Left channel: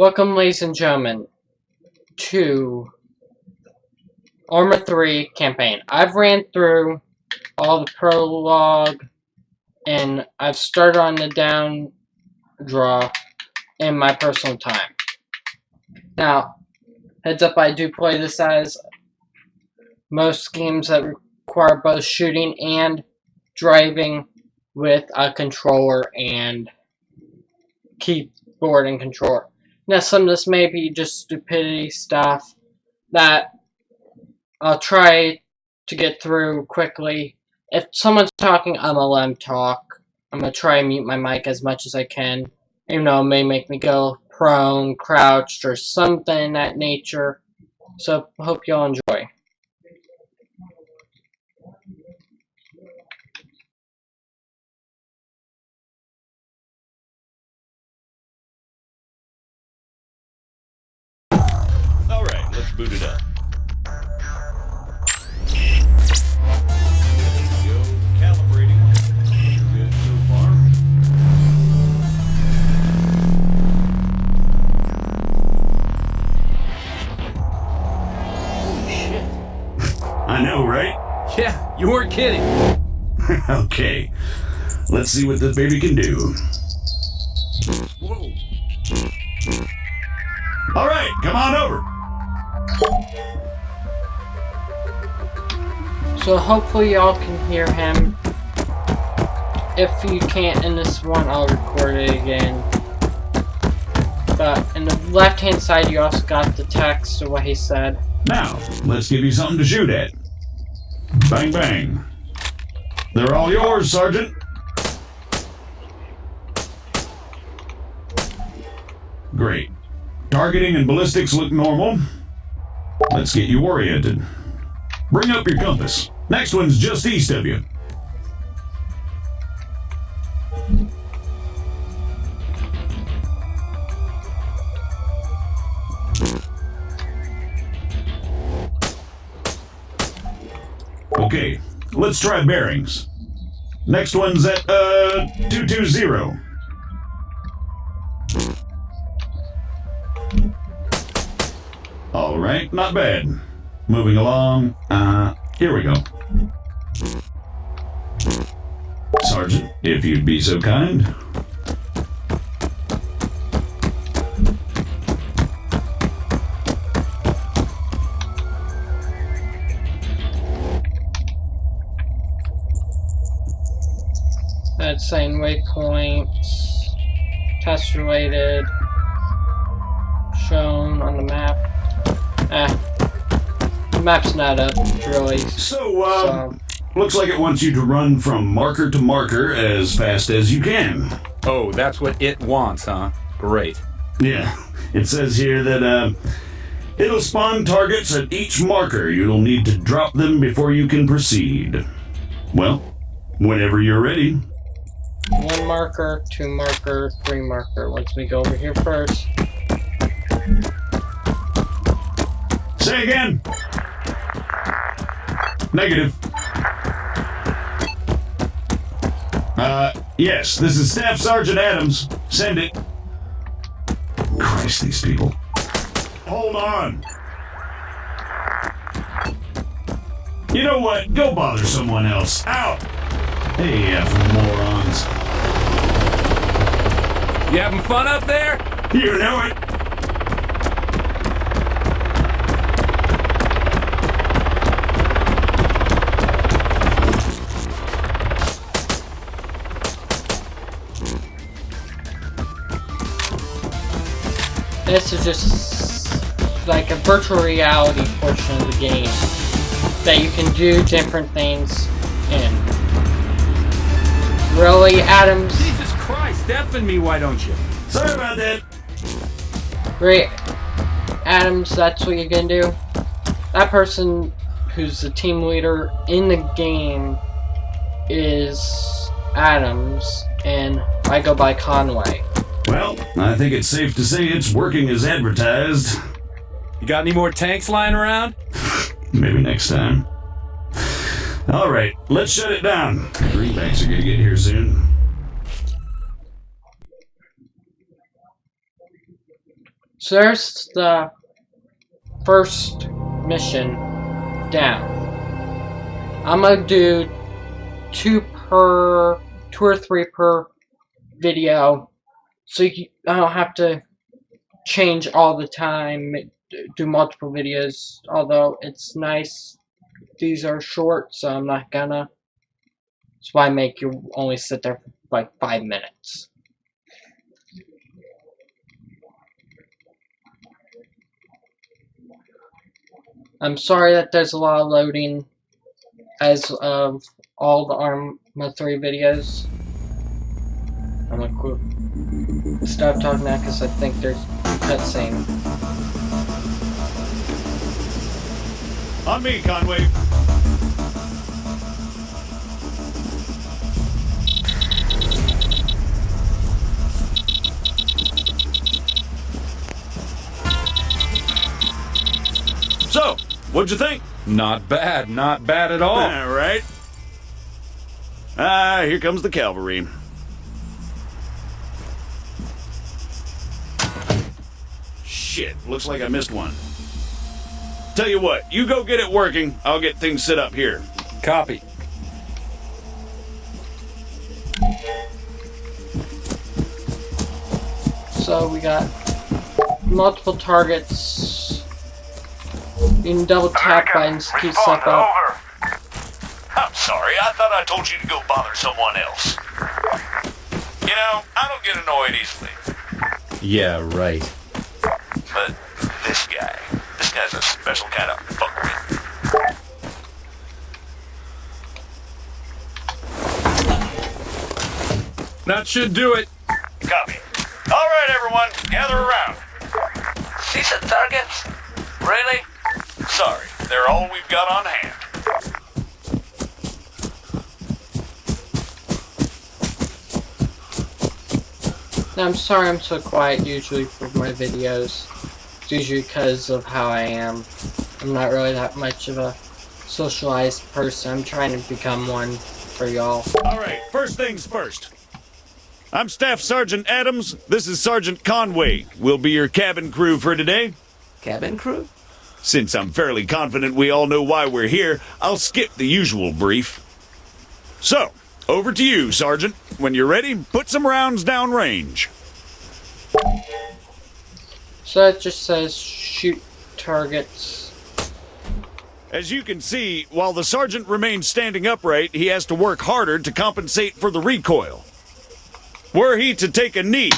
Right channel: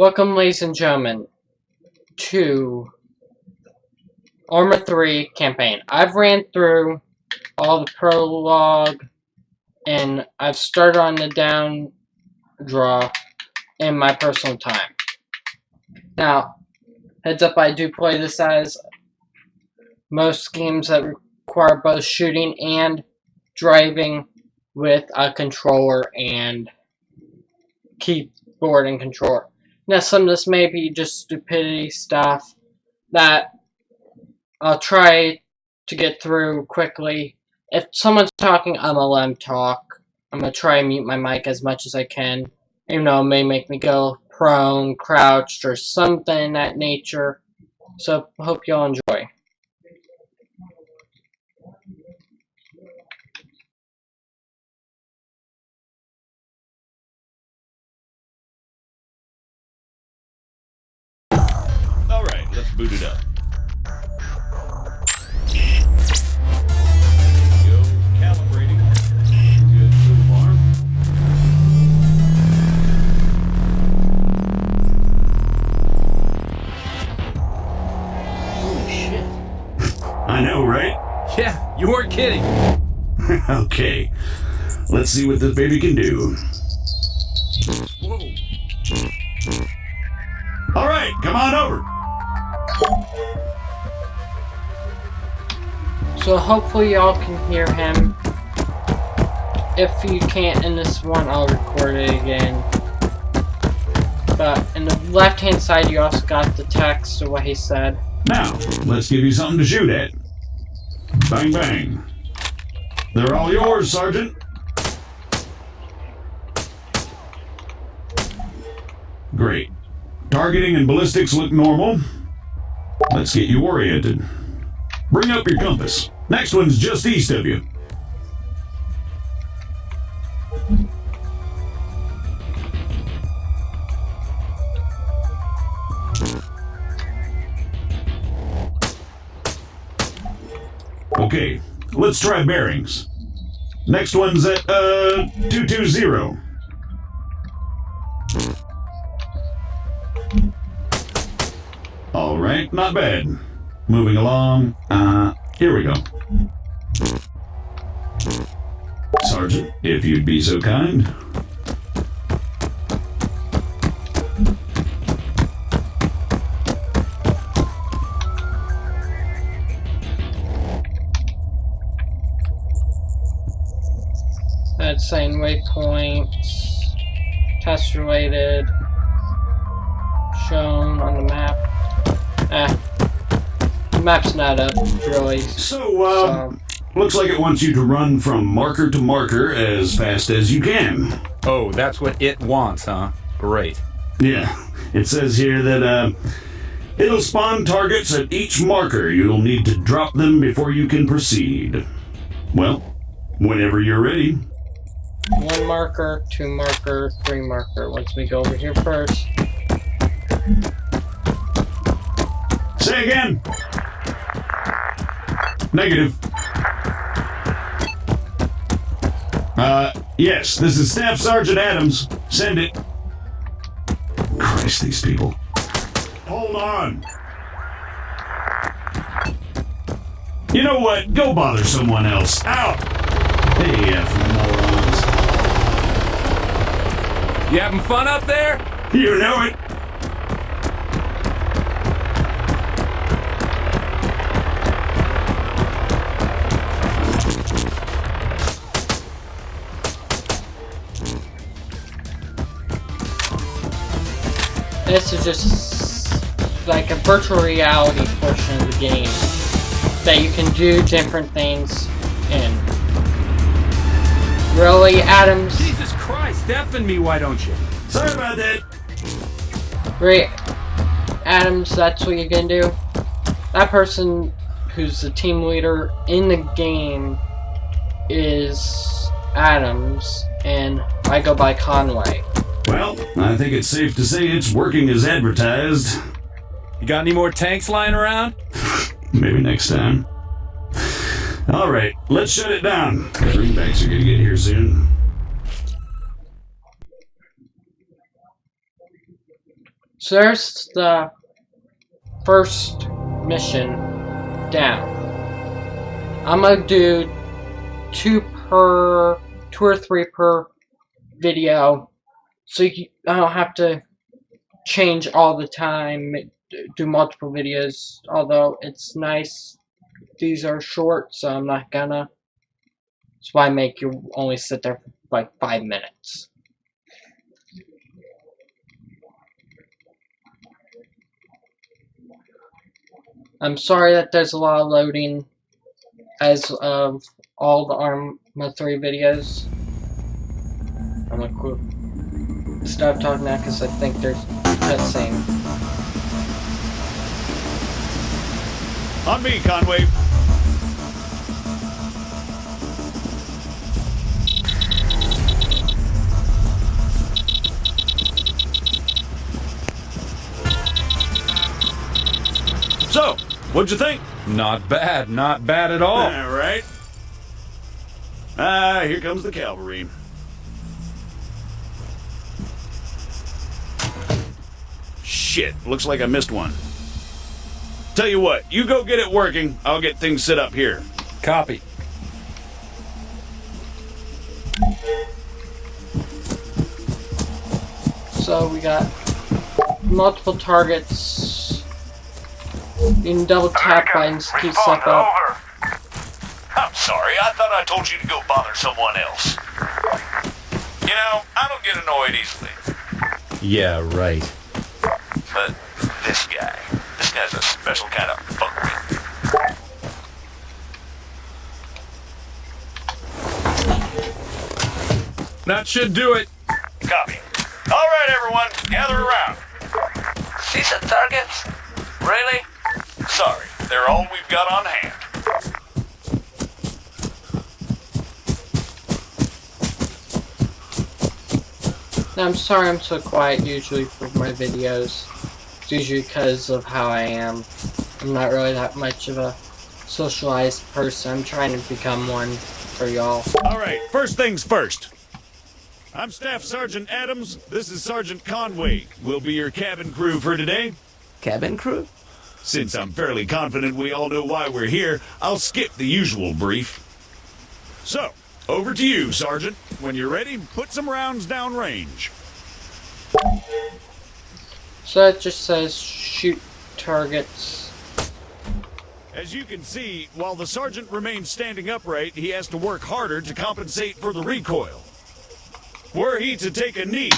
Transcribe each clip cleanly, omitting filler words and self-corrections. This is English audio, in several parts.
Welcome, ladies and gentlemen, to ARMA 3 campaign. I've ran through all the prologue, and I've started on the down draw in my personal time. Now, heads up, I do play this as most games that require both shooting and driving with a controller and keyboard and controller. Now, some of this may be just stupidity stuff that I'll try to get through quickly. If someone's talking, I'm gonna let them talk. I'm gonna try and mute my mic as much as I can. Even though it may make me go prone, crouched, or something in that nature. So, hope y'all enjoy. Alright, let's boot it up. Go calibrating. Good so far. Holy shit. I know, right? Yeah, you weren't kidding. Okay. Let's see what this baby can do. Whoa. Alright, come on over. So hopefully y'all can hear him. If you can't in this one, I'll record it again. But in the left hand side you also got the text of what he said. Now, let's give you something to shoot at. Bang, bang. They're all yours, Sergeant. Great. Targeting and ballistics look normal. Let's get you oriented. Bring up your compass. Next one's just east of you. Okay, let's try bearings. Next one's at, 220. Alright, not bad. Moving along, here we go. Sergeant, if you'd be so kind. That's saying waypoints, test related, shown on the map. The map's not up, really. So, looks like it wants you to run from marker to marker as fast as you can. Oh, that's what it wants, huh? Great. Yeah, it says here that, it'll spawn targets at each marker. You'll need to drop them before you can proceed. Well, whenever you're ready. 1 marker, 2 marker, 3 marker. Let's me go over here first. Say again. Negative. Yes, this is Staff Sergeant Adams. Send it. Christ, these people. Hold on. You know what? Go bother someone else. Out! Hey, morons. You having fun up there? You know it. This is just like a virtual reality portion of the game that you can do different things in. Really, Adams? Jesus Christ, deafen me, why don't you? Sorry about that. Great. Adams, that's what you're gonna do? That person who's the team leader in the game is Adams, and I go by Conway. Well, I think it's safe to say it's working as advertised. You got any more tanks lying around? Maybe next time. Alright, let's shut it down. Greenbacks are gonna get here soon. So there's the first mission down. I'm gonna do two or three per video, so I don't have to change all the time, do multiple videos. Although it's nice, these are short, so I'm not gonna. That's why I make you only sit there for like 5 minutes. I'm sorry that there's a lot of loading as of all the ARMA 3 videos. I'm gonna stop talking now because I think there's a cutscene. On me, Conway. So, what'd you think? Not bad at all. All right. Here comes the cavalry. Shit, looks like I missed one. Tell you what, you go get it working, I'll get things set up here. Copy. So we got multiple targets. You can double tap buttons to keep stuff up. I'm sorry, I thought I told you to go bother someone else. You know, I don't get annoyed easily. Yeah, right. But this guy's a special kind of fuckwit. That should do it. Copy. All right, everyone, gather around. See some targets? Really? Sorry, they're all we've got on hand. Now, I'm sorry I'm so quiet usually for my videos. It's usually because of how I am. I'm not really that much of a socialized person. I'm trying to become one for y'all. All right, first things first. I'm Staff Sergeant Adams. This is Sergeant Conway. We'll be your cabin crew for today. Cabin crew? Since I'm fairly confident we all know why we're here, I'll skip the usual brief. So, over to you, Sergeant. When you're ready, put some rounds down range. So it just says shoot targets. As you can see, while the sergeant remains standing upright, he has to work harder to compensate for the recoil. Were he to take a knee,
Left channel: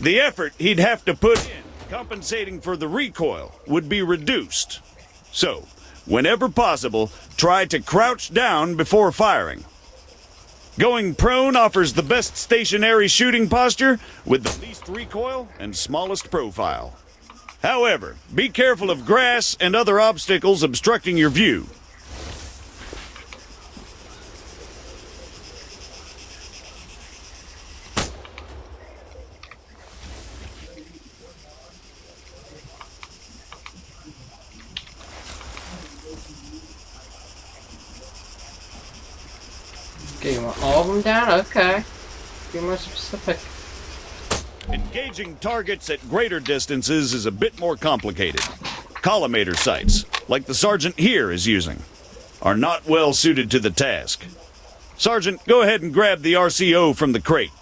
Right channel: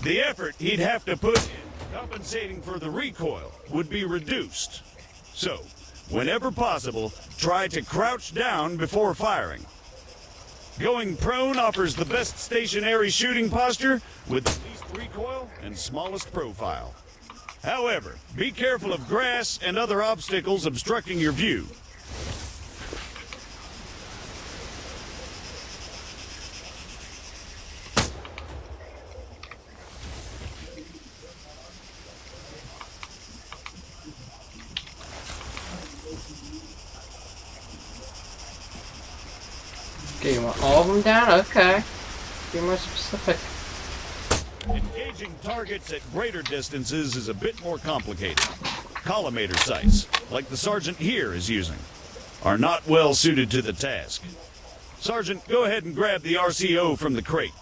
the effort he'd have to put in compensating for the recoil would be reduced. So, whenever possible, try to crouch down before firing. Going prone offers the best stationary shooting posture with the least recoil and smallest profile. However, be careful of grass and other obstacles obstructing your view. Okay, you want all of them down? Okay. Be more specific. Engaging targets at greater distances is a bit more complicated. Collimator sights, like the sergeant here is using, are not well suited to the task. Sergeant, go ahead and grab the RCO from the crate.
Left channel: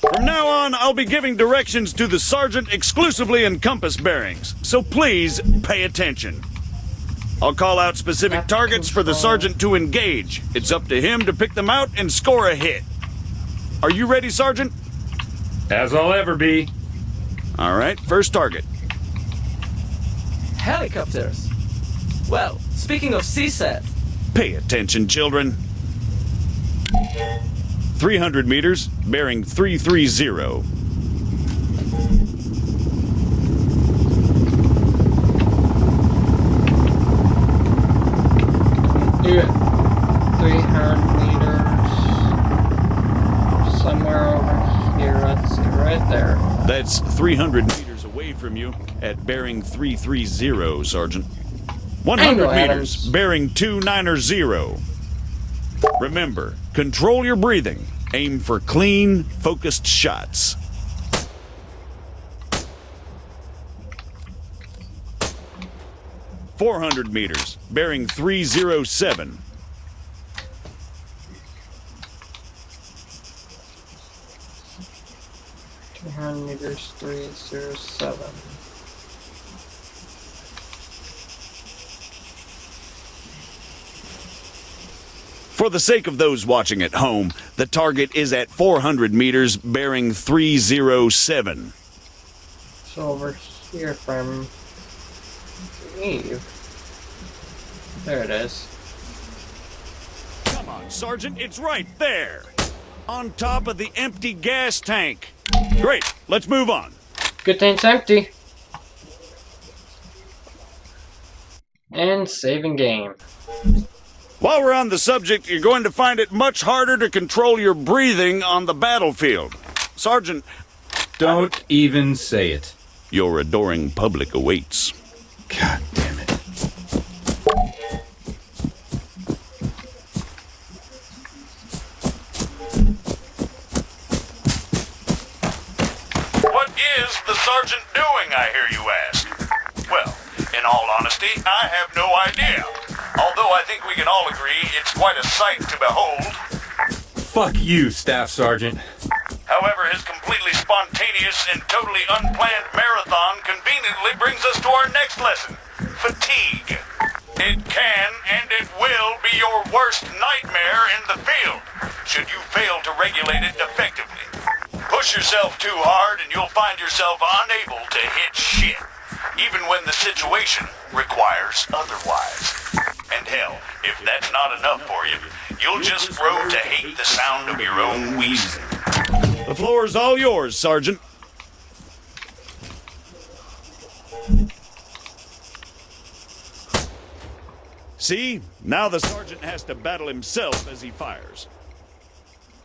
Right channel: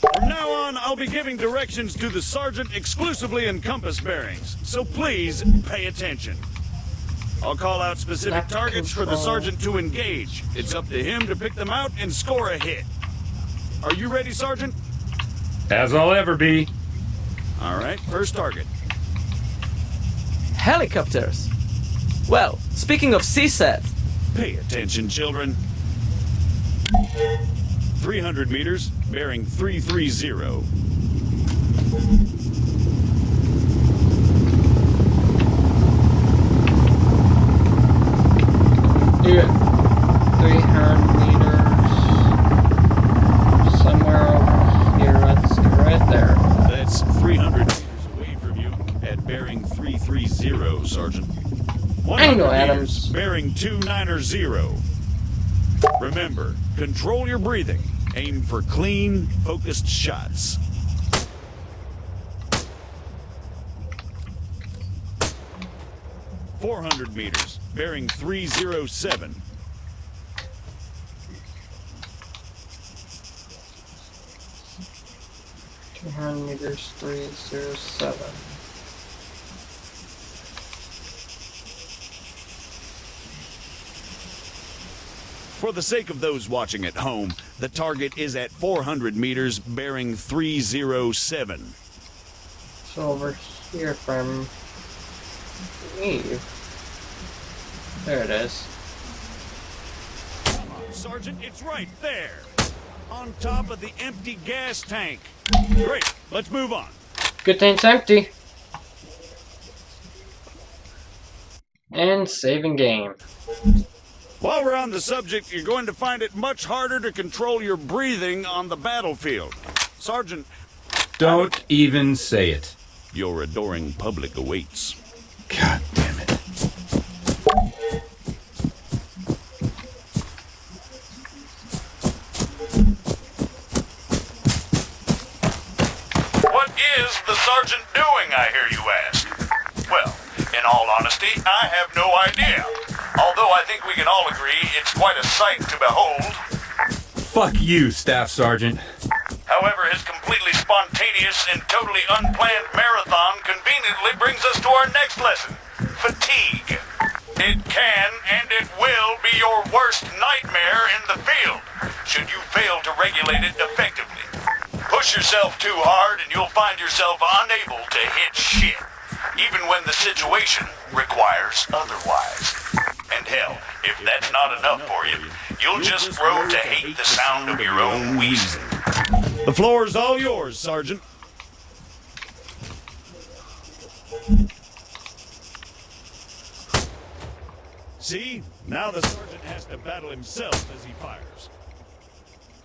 From now on, I'll be giving directions to the sergeant exclusively in compass bearings, so please pay attention. I'll call out specific targets for the sergeant to engage. It's up to him to pick them out and score a hit. Are you ready, Sergeant? As I'll ever be. All right, first target. Helicopters. Well, speaking of CSAT, Pay attention, children. 300 meters, bearing 330. Do it. 300 meters. Somewhere over here. Let's see, right there. That's 300 meters away from you at bearing 330, Sergeant. 100 Angle, meters, Adams. bearing 290. Remember, control your breathing. Aim for clean, focused shots. "400 meters, bearing 307. 300 meters, 307. For the sake of those watching at home, the target is at 400 meters, bearing 307. So over here from Eve. There it is. Come on, Sergeant, it's right there. On top of the empty gas tank. Great, let's move on. Good thing it's empty. And saving game. While we're on the subject, you're going to find it much harder to control your breathing on the battlefield. Sergeant, Don't even say it. your adoring public awaits. God damn it. What is the sergeant doing, I hear you ask? Well, in all honesty, I have no idea. Although I think we can all agree it's quite a sight to behold. Fuck you, Staff Sergeant. However, his completely spontaneous and totally unplanned marathon conveniently brings us to our next lesson, fatigue. It can and it will be your worst nightmare in the field, should you fail to regulate it effectively. Push yourself too hard and you'll find yourself unable to hit shit, even when the situation requires otherwise. And hell, if that's not enough for you, you'll just grow to hate the sound of your own wheezing. The floor's all yours, Sergeant. See? Now the sergeant has to battle himself as he fires.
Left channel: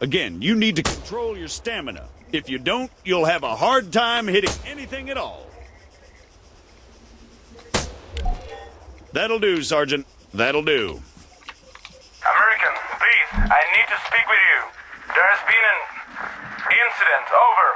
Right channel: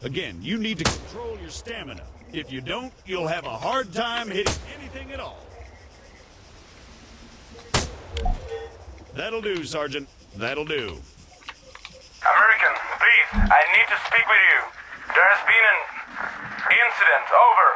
Again, you need to control your stamina. If you don't, you'll have a hard time hitting anything at all. That'll do, Sergeant. That'll do. American, please, I need to speak with you. There has been an incident. Over.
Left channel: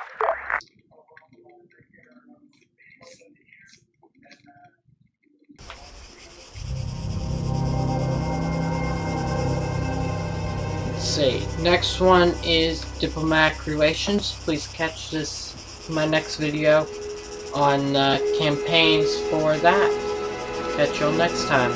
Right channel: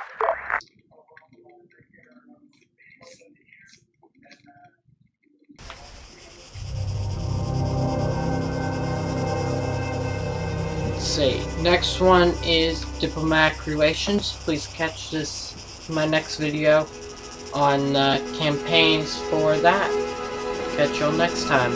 Let's see. Next one is diplomatic relations. Please catch this in my next video on campaigns for that. Catch y'all next time.